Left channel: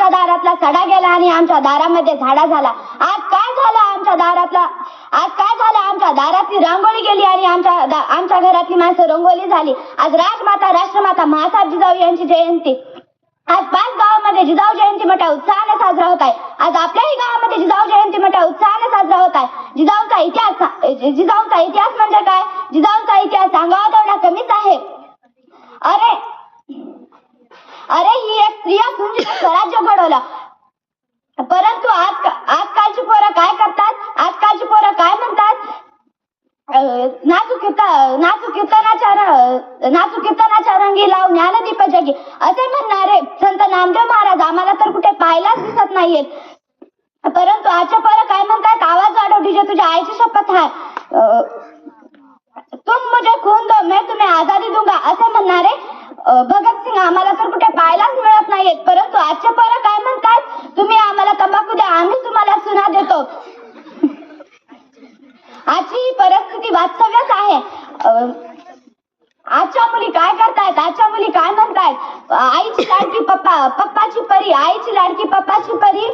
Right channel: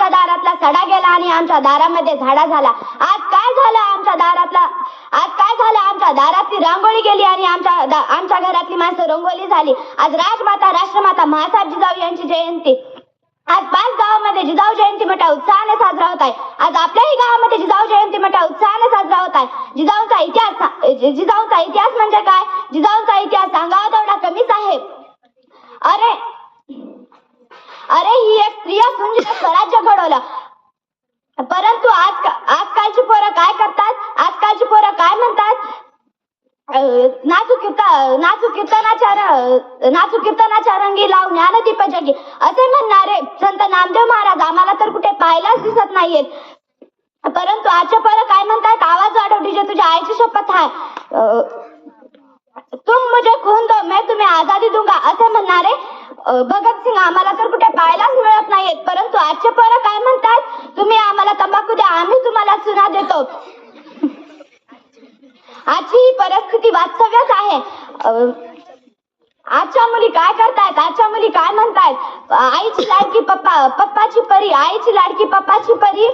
आमच्या दारातला सडा गेला आणि आमच्या दारामध्ये झाडा झाला. आज काय झालं आमच्या दारातला? आज काय झालं आमच्या दारातली रांगोळी गेली आणि आमच्या आमच्या घरातली माणसं रंगोली झाली. आज राजमाता राष्ट्रमाता महासाहेब जिजाऊ यांची जयंती. आज पाच गावामध्ये जिजाऊ जयंती मोठ्या उत्साहाने साजरा होत आहे. आज आपल्याही गावामध्ये जिजाऊ जयंती मोठ्या उत्साहाने साजरा होत आहे. जिजाऊचा इतिहास जिजाऊचा इतिहास म्हणजे काय? जिजाऊचा इतिहास सांगावा तेवढा कमीच आहे. अरे अरे ही एक स्त्री असून जिने स्वराज्य घडवलं. परंतु आज आजकालची पोरं काय करतात? आजकालची पोरं काय म्हणतात? नाचू कीर्तन नाचू कीर्तनाच्या नाचू कीर्तनाच्या रंगी लाव ज्ञानदीप जगी असे म्हणणारे संत नामदेव महाराज आम्हाला तर कुठे पाहायलाच दिसत नाहीयेत. परंतु आजच्या पोरं काय म्हणतात? आवाज वाढव डीजे तुझ्या आईची शपथ आहे तुम मुझे खून दो मैं तुम्हें आजादी दूंगा असे म्हणणारे भगत भगतसिंग आम्हाला तर कुठे पाहायलाच मिळत नाहीयेत. परंतु आजचे पर काय म्हणतात? तुम्ही आम्हाला तंबाखू द्या आम्ही तुम्हाला सुना देतो. आजची ही परिस्थिती वास्तव्यच आहे. आजच्या मुली काय करतायत? आजच्या मुली काय म्हणतायत? आईची लाडकी पप्पा पप्पाची परी आईची लाडकी पप्पाची परी